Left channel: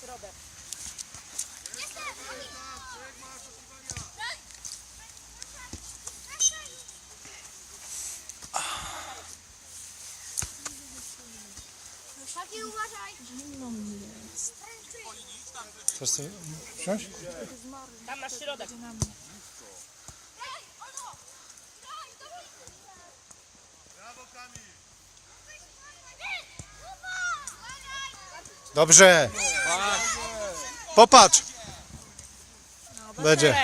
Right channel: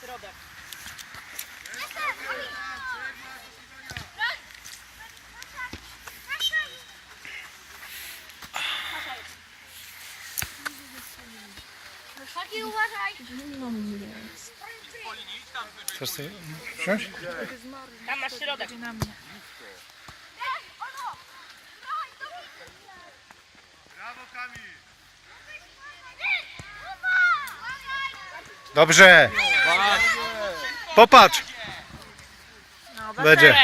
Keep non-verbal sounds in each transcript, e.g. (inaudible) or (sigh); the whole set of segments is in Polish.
Środek. Taki uważaj. Chcesz sobie wziąć? Tam masz środek. Brawo Kamil! Dobrze. Popatrz. No, Będzie,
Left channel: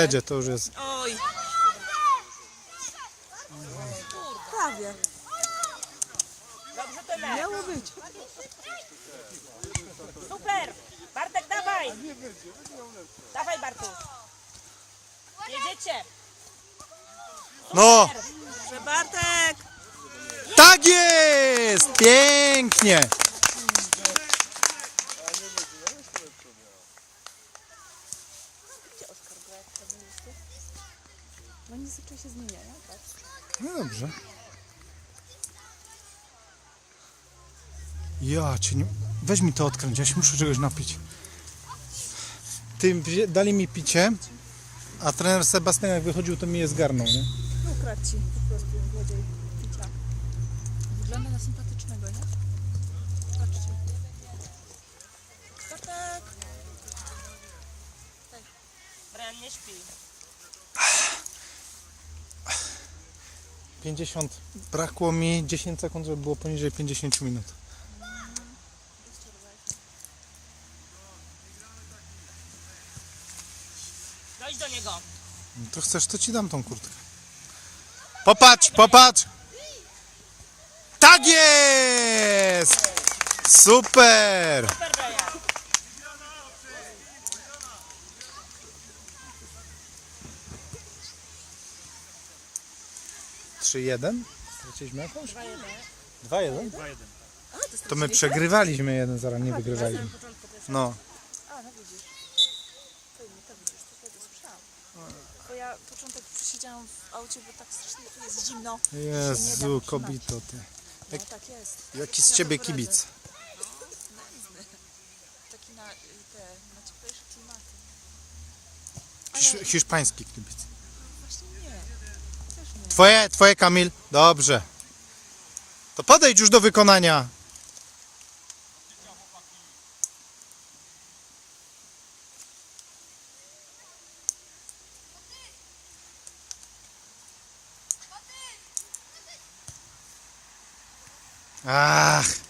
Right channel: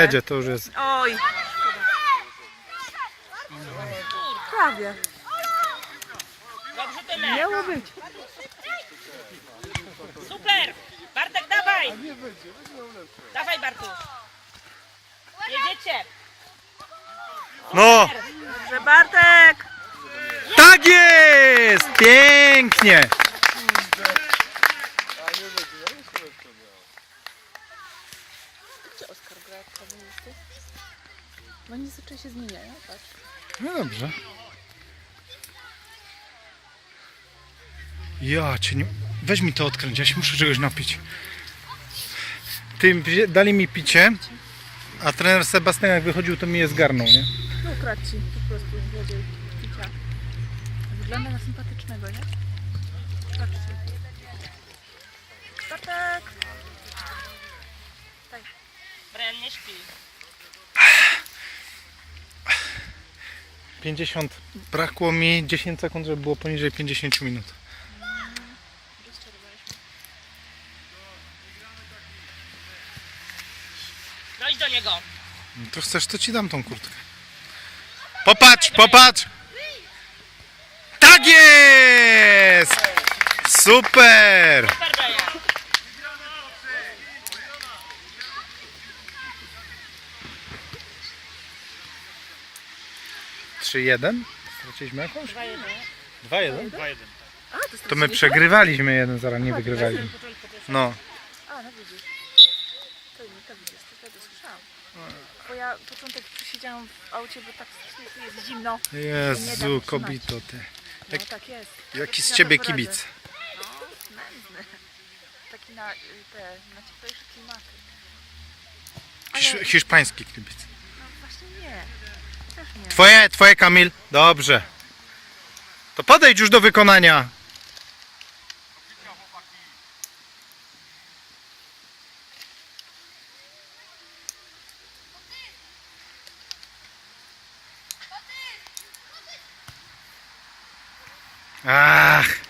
będzie, to już jest. Oj. Prawie. Dobrze, Tymek. Miało być. Super. Bartek, dawaj. Dawaj, Bartu. Jedziecie. No, Że Bartek. tak jest! Pięknie! Gdzie Oskar gra jak kamerzysty? No oni zazwyczaj się zmieniają, patrz. No dobrze. Ja cię nie... Weź mi to odkręć, ja się muszę czegoś napić. Tym dali mi picie, a trener Sebastian jak wychodził, to mi je zgarnął, nie? No ukradł ci po prostu wodę picia. Wygląda na sympatycznego, nie? Patrzcie. Bartek. Brian nie śpi. 50, brakło mi 10 sekund, żeby było poniżej 50 minut. Dojdź do niego. No to chcesz, to ci dam tą kurtkę. Popatrz, popatrz! Tak jest! Super! Super, Brian. Trzy jeden? Straciliśmy jakąś? Dwa, jeden. 2-1. A, to To my straciliśmy? przegrywaliśmy jeden, zaraz nie wygrywaliśmy. No. A, no widzisz. To, to widzisz, to wtedy słyszałam. Bo ja początek przysiedziałam w aucie, bo tak strasznie tu jest zimno. nie da Jezu, wytrzymać. kobito ty. No tak jest. Jaki z Ja ciebie poradzę. kibic? No, nędzny. Taki na y, te, na cieplejsze klimaty. Hisz- Hiszpański kibic. no właśnie nie. Twoje, twoje Kamil. Dobrze. To podejdź już do wykonania. Ach.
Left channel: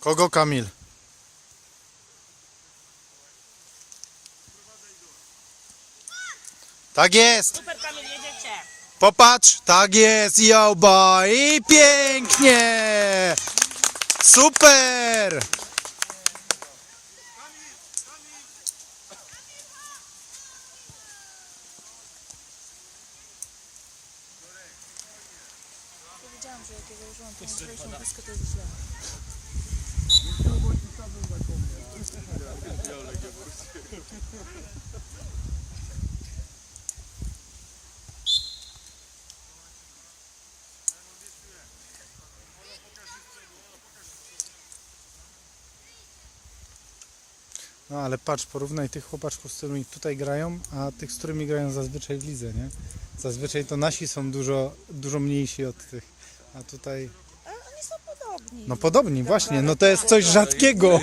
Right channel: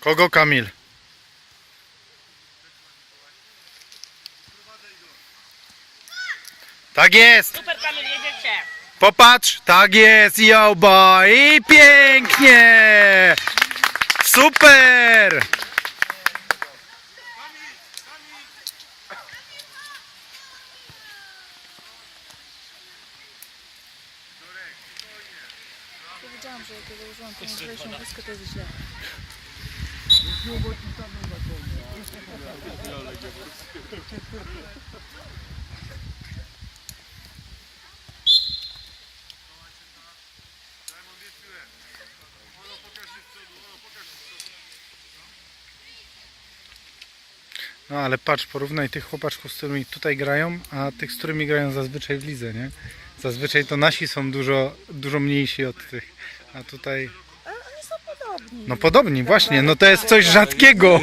Kogo Kamil? Tak jest! Super, Kamil, jedziecie. Popatrz, tak jest, yo boy! I pięknie! Super! Ja wiedziałam, że jak ja założyłam tą lżejszą deskę, to jest źle. Ale patrz, porównaj tych chłopaczków, z którymi tutaj grają, a tych, z którymi grają zazwyczaj w lidze, nie? Zazwyczaj to nasi są dużo, dużo mniejsi od tych, a tutaj... Ale oni są podobni. No podobni, właśnie, no to jest coś rzadkiego.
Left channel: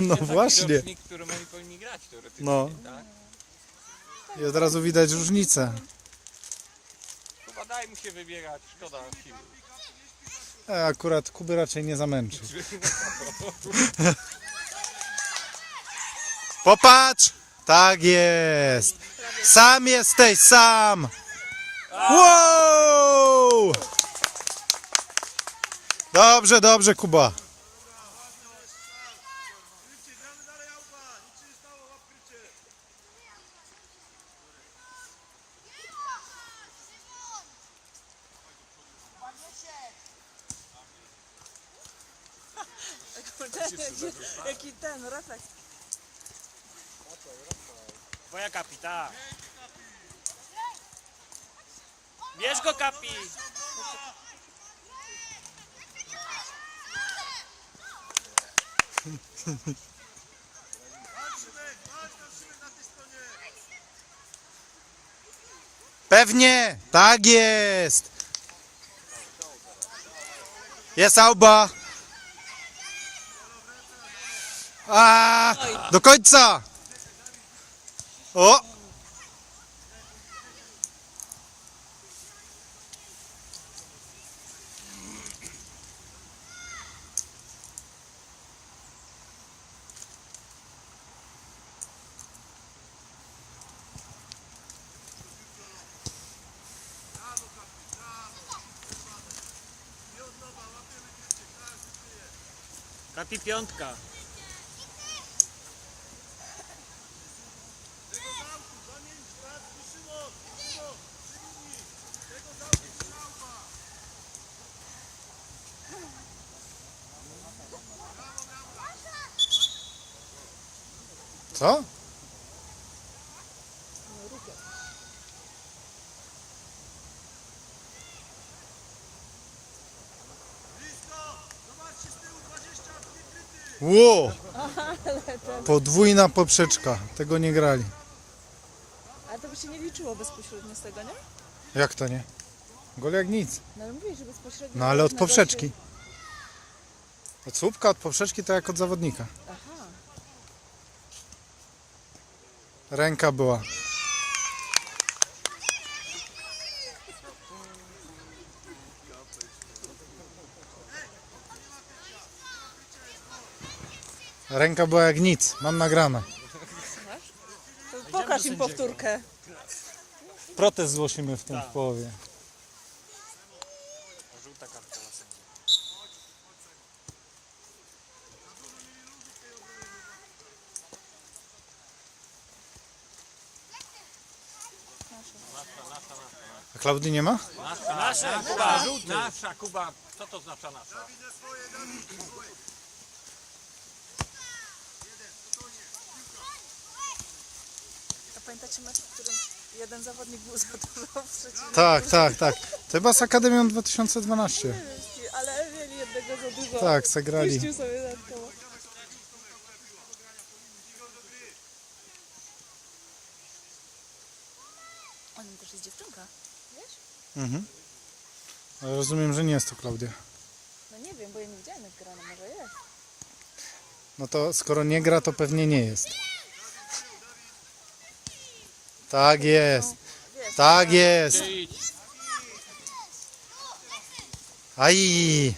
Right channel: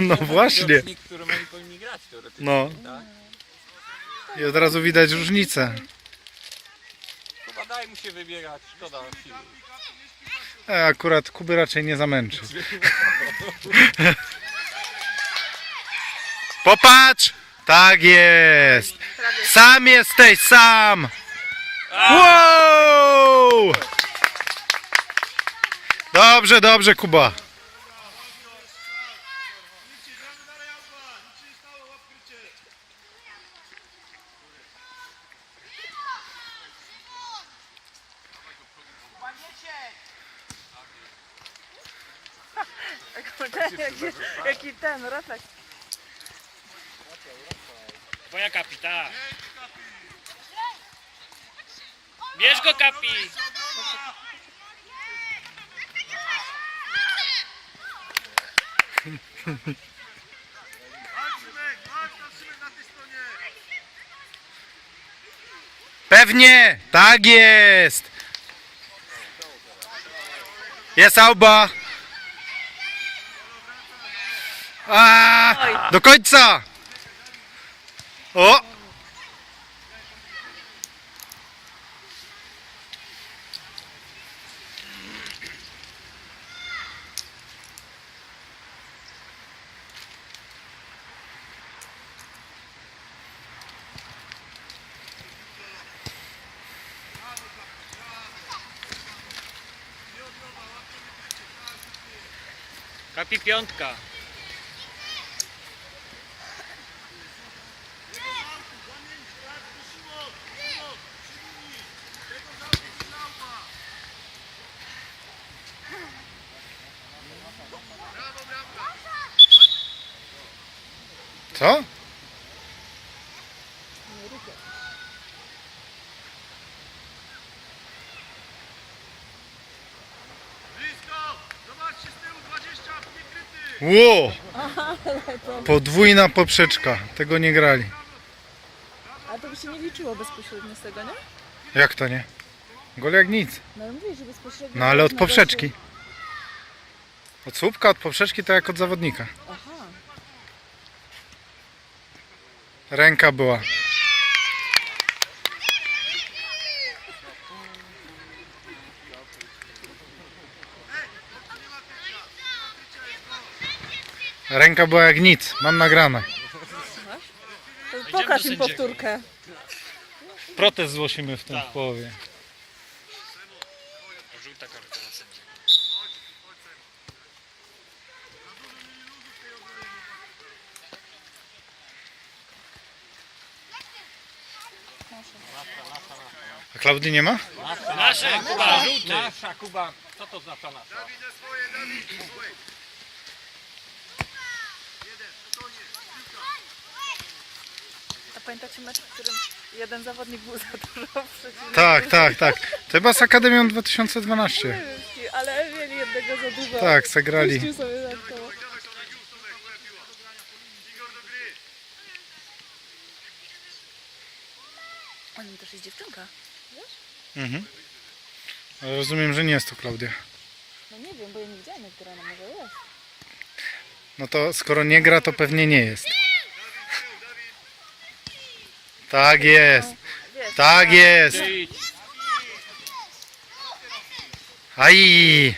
No właśnie. Oni powinni grać teoretycznie, No. tak? I od razu widać różnicę. Chyba daj mu się wybierać, szkoda siły. A akurat Kuby raczej nie zamęczy. (laughs) Popatrz! Tak jest! Sam jesteś, sam! Wow! Dobrze, dobrze, Kuba. (laughs) jaki, ten refleks. Kapita. Bierz go, Kapi! Pewnie! Tak jest! Jest Auba! A, do końca! O! Kapi piątka. Co? Ło! Podwójna poprzeczka. Tego nie grali. Ale to by się nie liczyło bezpośrednio z tego, nie? Jak to nie? Gol jak nic. No ale mówię, że bezpośrednio... No ale od poprzeczki. Od słupka, od poprzeczki to jak od zawodnika. Aha. Ręka była. Ręka była jak nic. Mam nagrane. To pokaż im powtórkę. Protest zgłosimy w tym połowie. Żółta kartka. Klaudii nie ma? Nasza, nasza, nasza, Kuba. Co to znaczy nasza? Pamiętacie mecz, w którym jeden zawodnik był (laughs) za dużo w Tak, tak, tak. To chyba z Akademią 2012. Nie wiem, ale mieli jednego za dużo. Tak, zagrali. Puścił sobie tak koło. On mi też jest dziewczynka, wiesz? Ale rozumiem, że nie jest to Klaudia. No nie wiem, bo ja nie widziałam jak gra, no może jest. No to skoro nie gra, to pewnie nie jest. Tak jest. Wiesz, Tak jest. Aj!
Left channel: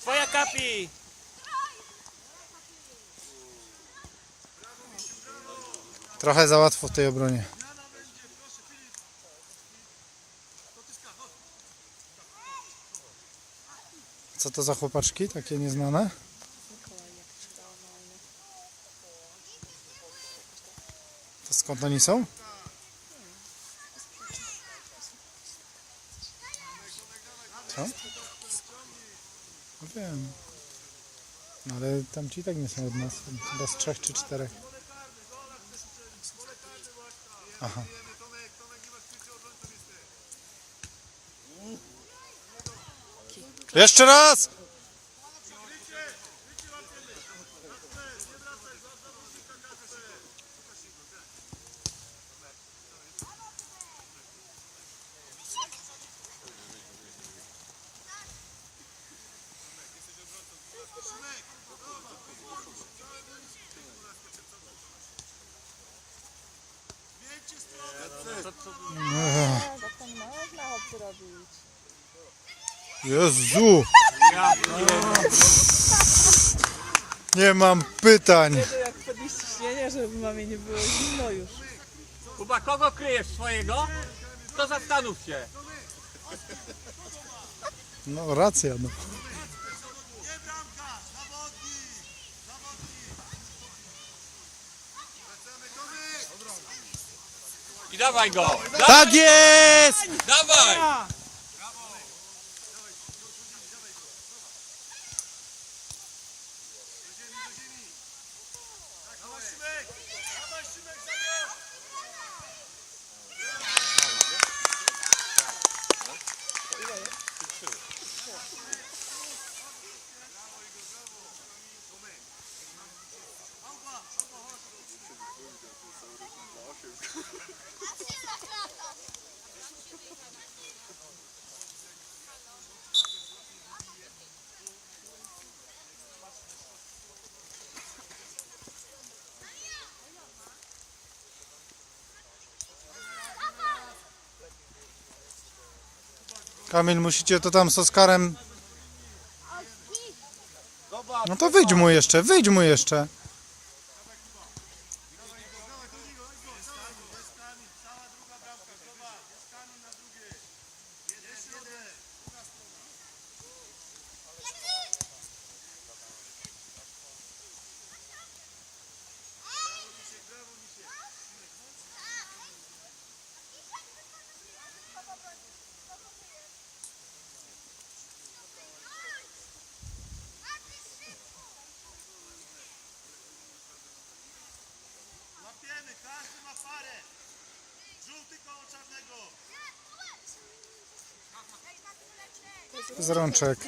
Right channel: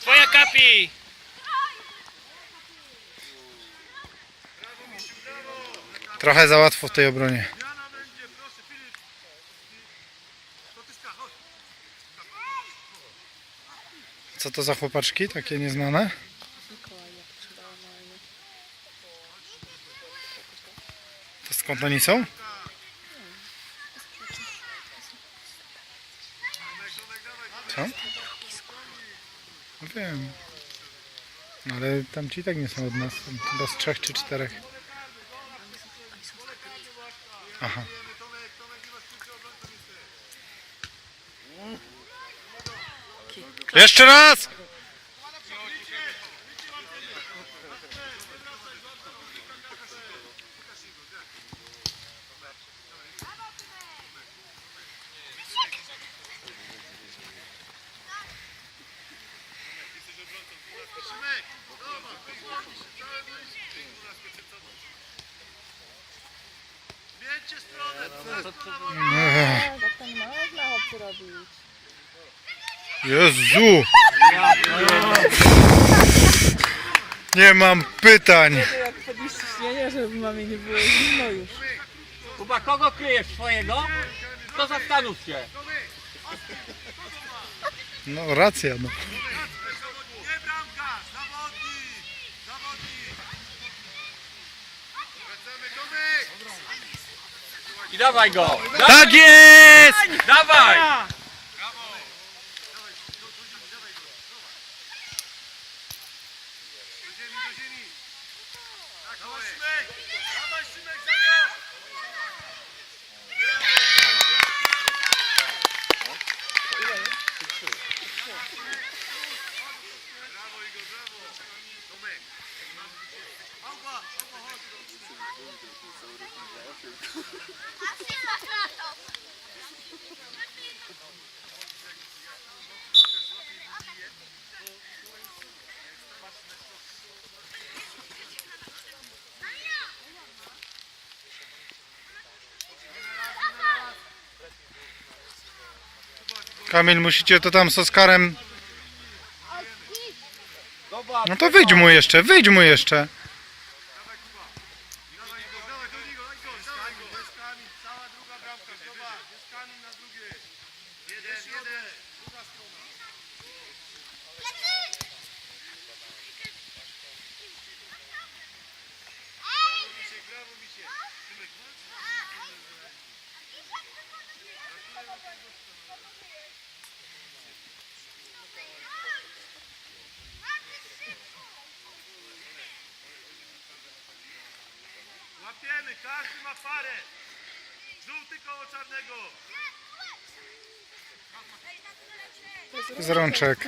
Twoja Kapi! Trochę za łatwo w tej obronie. Co to za chłopaczki takie nieznane? Mikołaj. To skąd oni są? Co? Wiem. Ale tamci i tak nie są od nas. Chyba z trzech czy czterech. Aha. Jeszcze raz! Tak to nie można chłopcy robić. Jezu! Ja. Nie mam pytań! Wtedy jak podnieść ciśnienie, żeby mamie nie było zimno już. Kuba, kogo kryjesz swojego? To zastanów się. No racja, no. I dawaj go. Dawaj, Tak jest! dawaj. Kamil, musicie to tam z Oskarem... No to wyjdź mu jeszcze, wyjdź mu jeszcze. Rączek.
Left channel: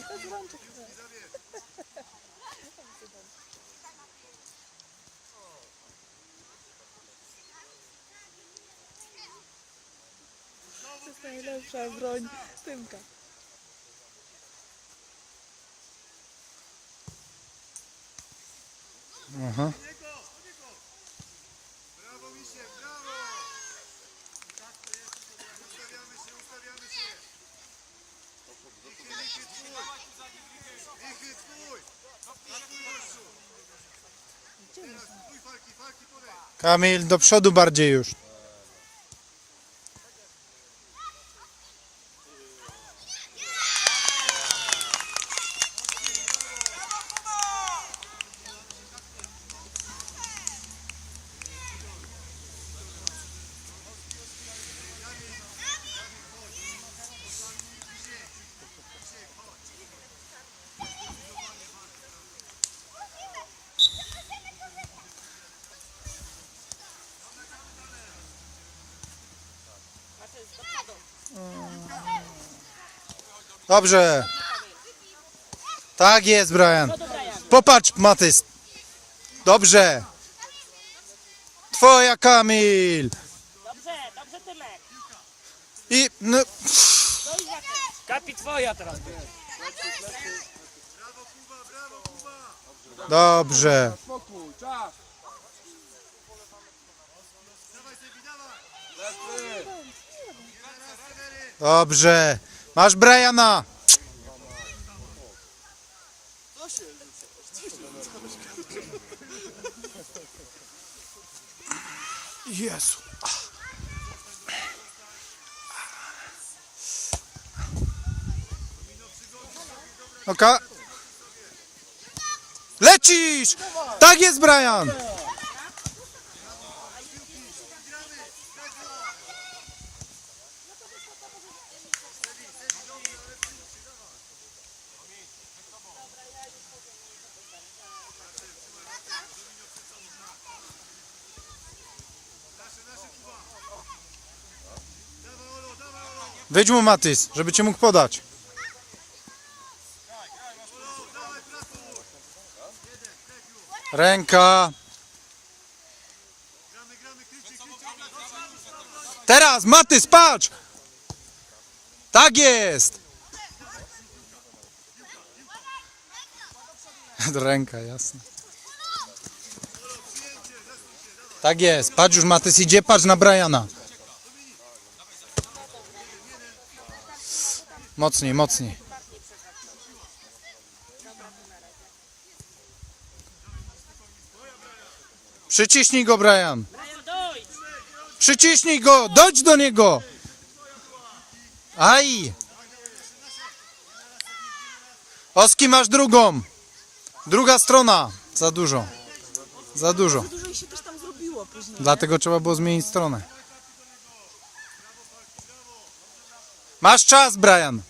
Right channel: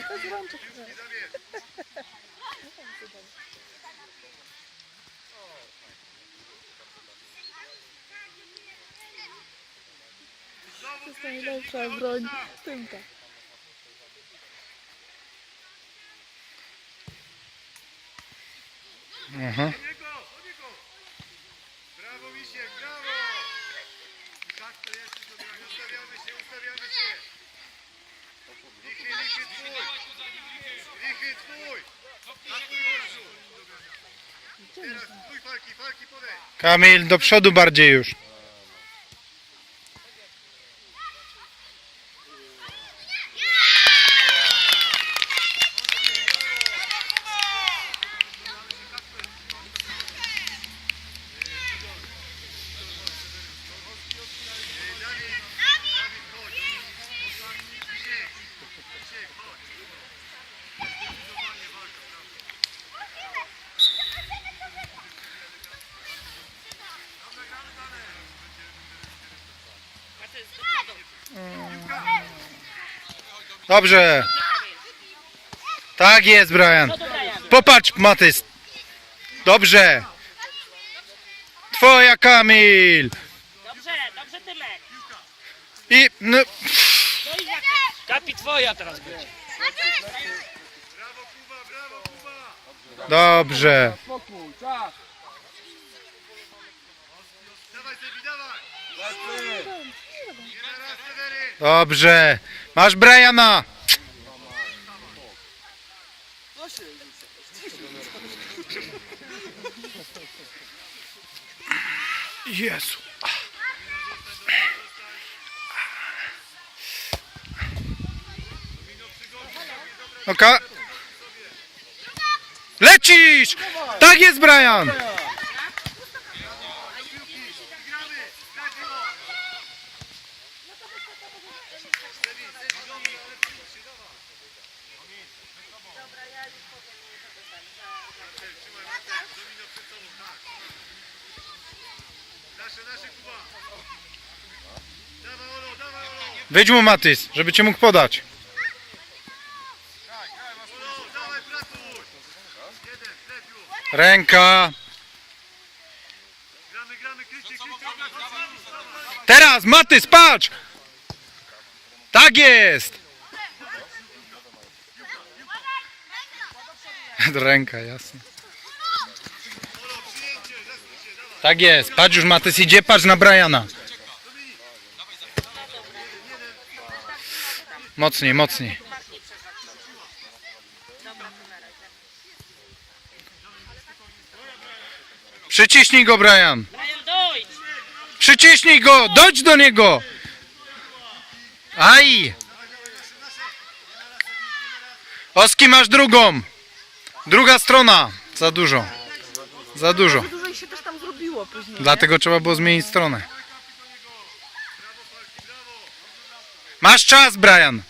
To najlepsza broń tymka. Aha. Brawo Misiek, brawo. Tak to jest. Ustawiamy się, ustawiamy się. Wichy, wichy twój. Wichy twój. Na twój gościu. Teraz twój falki, falki Kamil, do przodu bardziej już. Dobrze. Tak jest, Brian. Popatrz, Matys. Dobrze. Twoja, Kamil. Dobrze, dobrze Tymek. I... No. Kapi twoja teraz. Brawo Kuba, brawo Kuba. dobrze. spokój, czas. Dawaj Sebi, dawaj. Dobrze. Masz Briana. Jezu. Oka. Lecisz! Tak jest, Brian! Nasze, nasze Kuba. Dawaj Olo, dawaj Olo. Wyjdź mu, Matys, żeby cię mógł podać. Olo, dawaj pracuj. Jeden, lepiej. Ręka. Gramy, gramy, krycie, krycie. Teraz, Matys, patrz! Tak jest! Ręka, jasne. Tak jest, patrz już Matys idzie, patrz na Briana. Mocniej, mocniej. Przyciśnij go, Brian. Przyciśnij go! Dojdź do niego! Aj! Oski masz drugą! Druga strona! Za dużo. Za dużo. Za dużo ich się też tam zrobiło później. nie? Dlatego trzeba było zmienić stronę. Masz czas, Brian.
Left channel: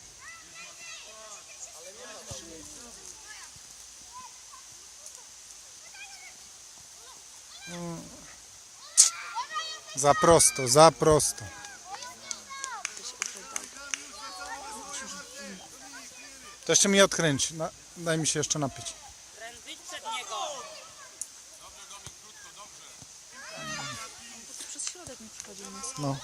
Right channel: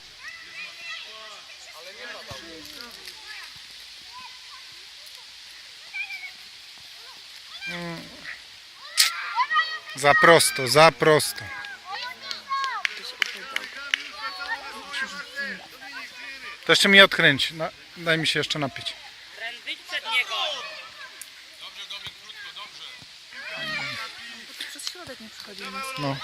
Za prosto, za prosto. To jeszcze mi odkręć. No, daj mi się jeszcze napić. schodzi. No.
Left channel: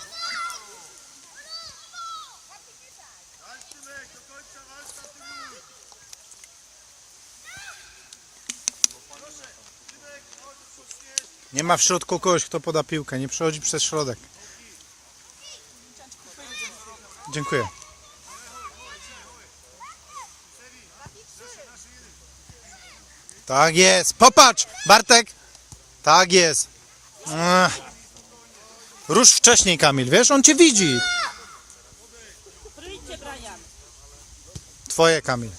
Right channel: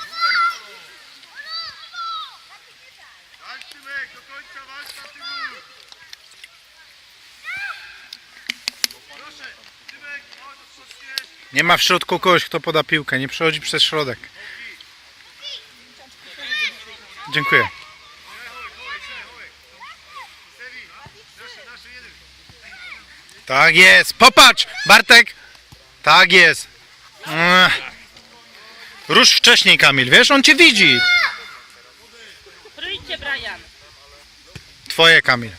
Nie ma w środku kogoś, kto poda piłkę. Nie przechodzi przez środek. Dziękuję. Tak jest. Popatrz, Bartek. Tak jest. Mm. Rusz wcześniej, Kamil. Wiesz, on cię widzi. Trójcie, Brian. Twoje, Kamil.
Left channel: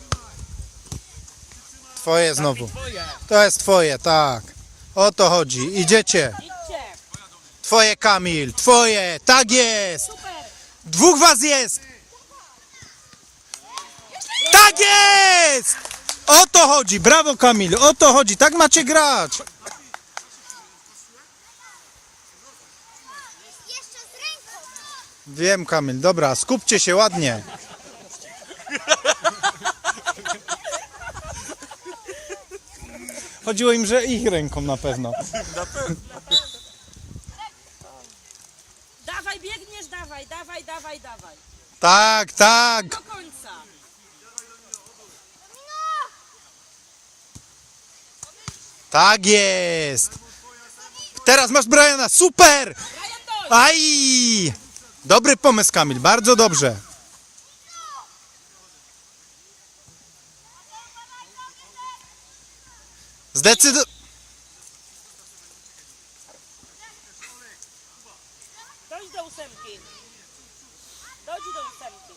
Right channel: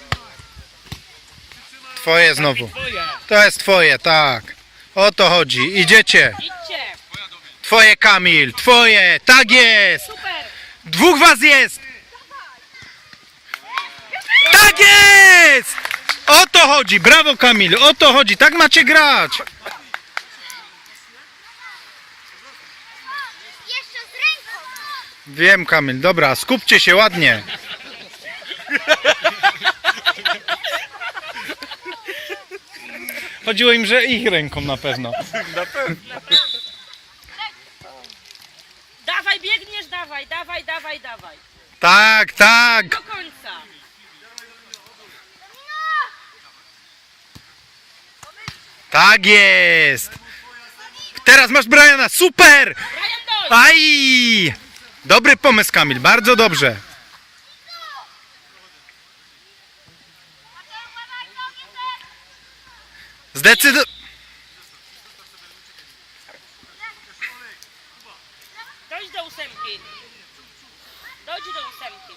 Twoje znowu. To jest twoje, tak. O to chodzi. Idziecie. Idźcie. Twoje, Kamil. Twoje. Tak jest. Super. Dwóch was jest! Tak jest! O to chodzi, brawo Kamil, o to chodzi, tak macie grać! Jeszcze z ręką! Wiem Kamil, dobra, skupcie się ładnie. Chodziło im, że ich ręką na pewno. Na pewno. Dawaj, biegniesz, dawaj, dawaj, dawaj, dawaj. Tak, tak, Do końca. tak jest! Teraz masz Briana, super! Brian, dojdź. Aj! Dobry pomysł Kamil, bardzo dobrze. Zdecydo... Dojdź do ósemki. Dojdź do ósemki.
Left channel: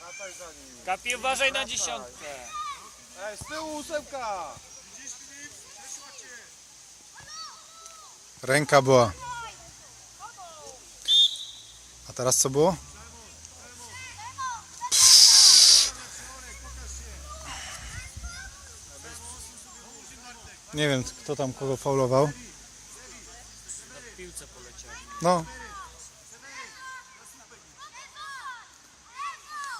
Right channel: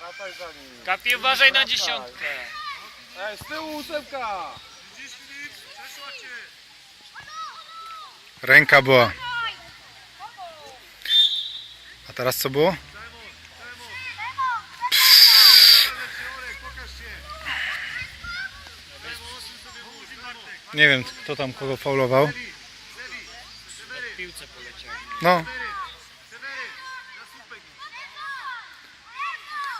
Wracaj za nim. Kapi, uważaj na dziesiątkę. Ej, z tyłu ósemka! Ręka była. Teraz co było? Nie wiem, kto tam kogo faulował. No.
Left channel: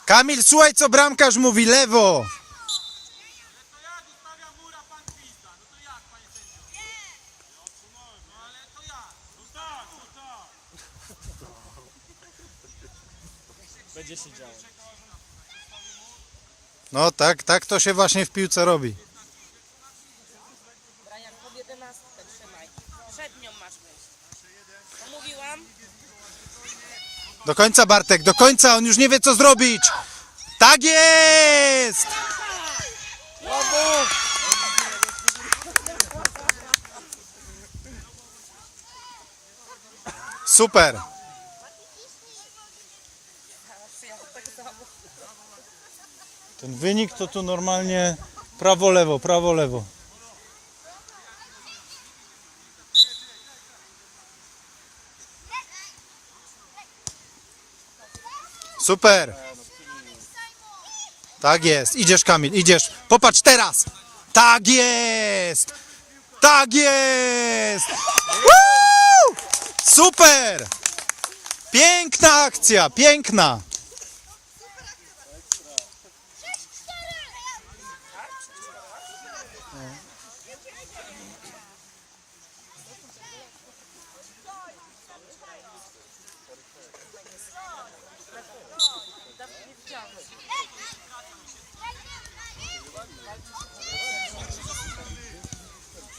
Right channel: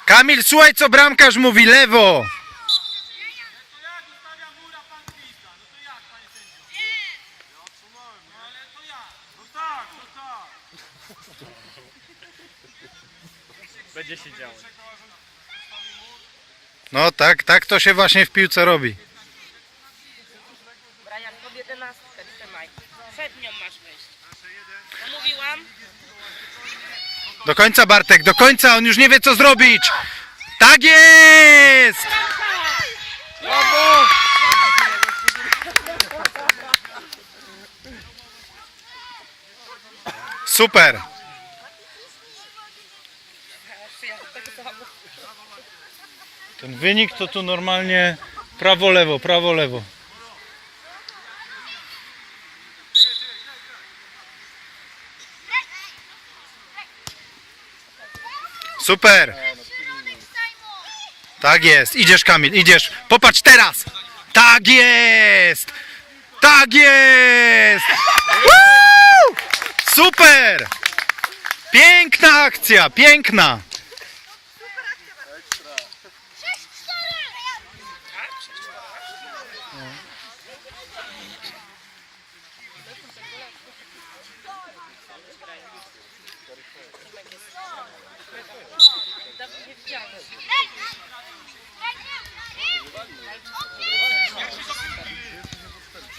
Kamil, słuchaj co bramkarz mówi, lewo! Będzie się działo. No tak, tak to się właśnie w piłce robi. Pod jedenastkę trzymaj. Przed nią masz wejść. No mówiłam. Do końca Bartek, do końca, on już nie wie co zrobić! Tak jest! Brawo! Super! Wynik to tu normalnie prawo-lewo, prawo-lewo. Super! Tak jest, idziesz Kamil, idziesz. Popatrz teraz! Tak jest! Tak jest! Super! Piękna akcja, piękna!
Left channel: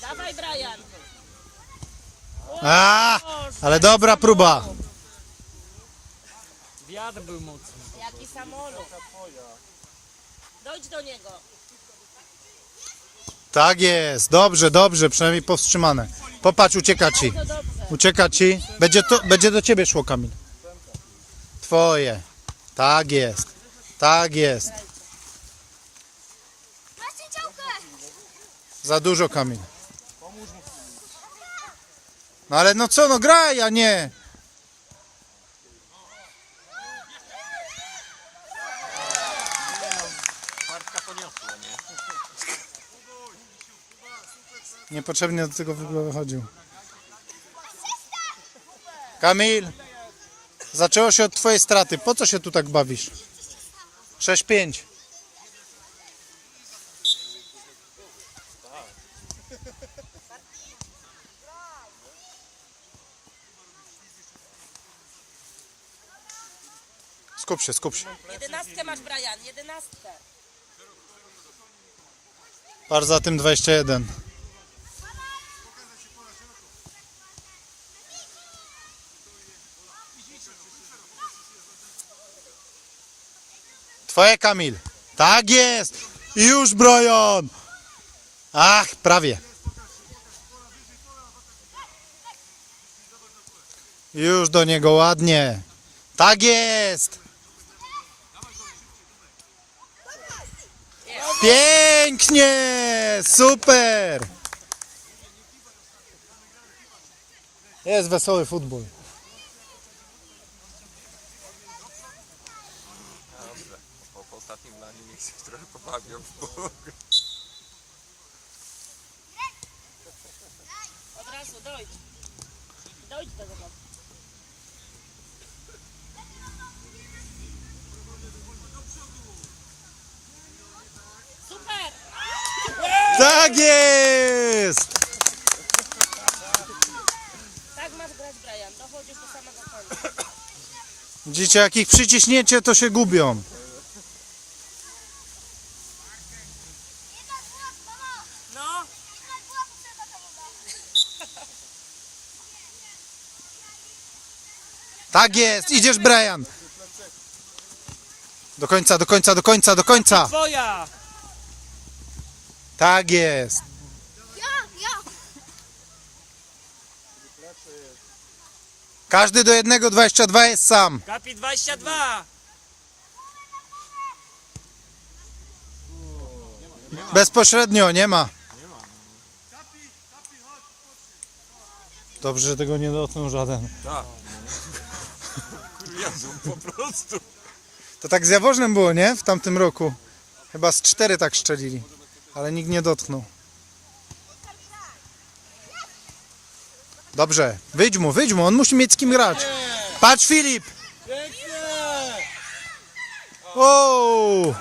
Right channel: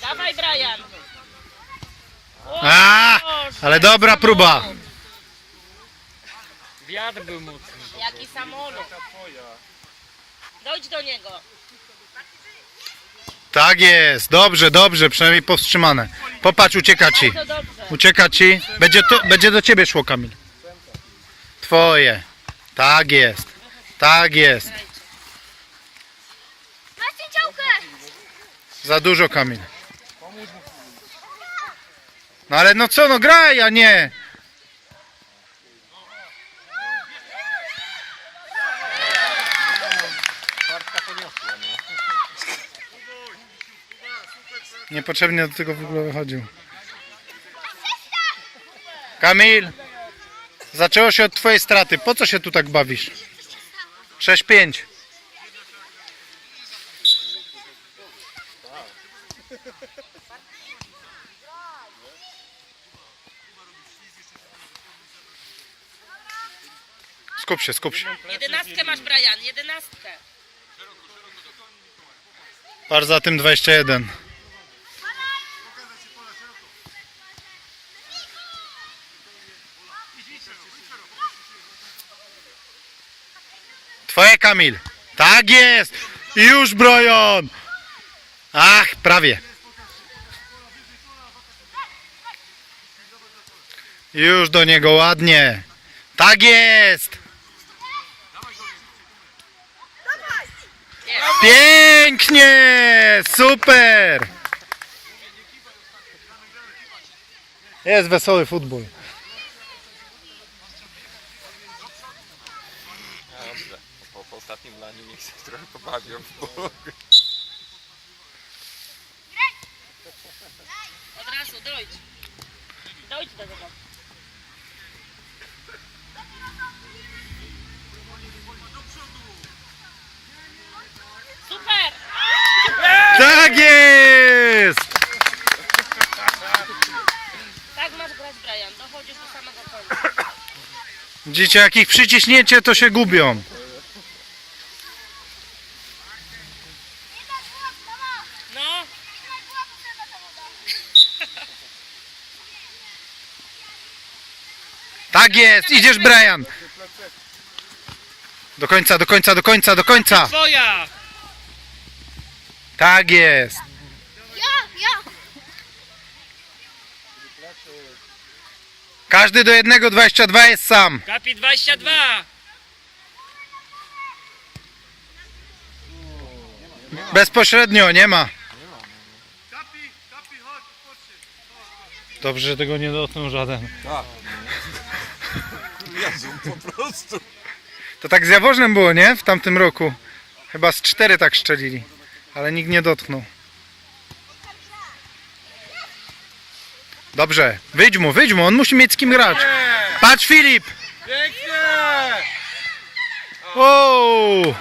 Dawaj, Brian. A, ale dobra próba. Wiatr był mocny. Jaki samolot. Dojdź do niego. Tak jest, dobrze, dobrze, przynajmniej powstrzymane. Popatrz, ucieka ci. To dobrze. Ucieka ci. Będzie, tu, będzie do ciebie szło, Kamil. Twoje. Tak jest. Tak jest. Masz cięciałkę! Za dużo, Kamil. No ale no co, no graj, a nie. Niepotrzebnie do tego w ogóle wychodził. Kamil, zaczęło się od twojej straty. Po co się tu tak bawisz? 6-5. Skup się, skup się. Jedenastkę masz, Brian. Jedenastkę. Patrz za tym 21. Twoje Kamil. Tak jest. Już Brojon. Ach, prawie. Już do niego ładnie. Tak jest. Pięknie! Super! Jest wesoły futbol. Po, ostatnim laniu niech się trochę pobawią. Od razu, dojdź. Dojdź do tego. Super! Tak jest! Tak masz grać, Brian. Dochodzisz do samego końca. Widzicie, jak ich przyciśniecie, to się gubią. No, Tak jest, idziesz Brian. Do końca, do końca, do końca, do końca. Twoja! Tak jest. Ja, ja. Każdy do jednego 22 jest sam. Kapi 22! Bezpośrednio, nie ma. Kapi, kapi, chodź, chodź. Dobrze, że tego nie dotknął żaden. Tak. (laughs) Kuriozum po prostu. To tak z Jaworznem było, nie? W tamtym roku. Chyba z cztery tak szczelili. Ale nikt nie dotknął. Dobrze, wyjdź mu, wyjdź mu, on musi mieć z kim grać. Patrz Filip! Pięknie! Wow!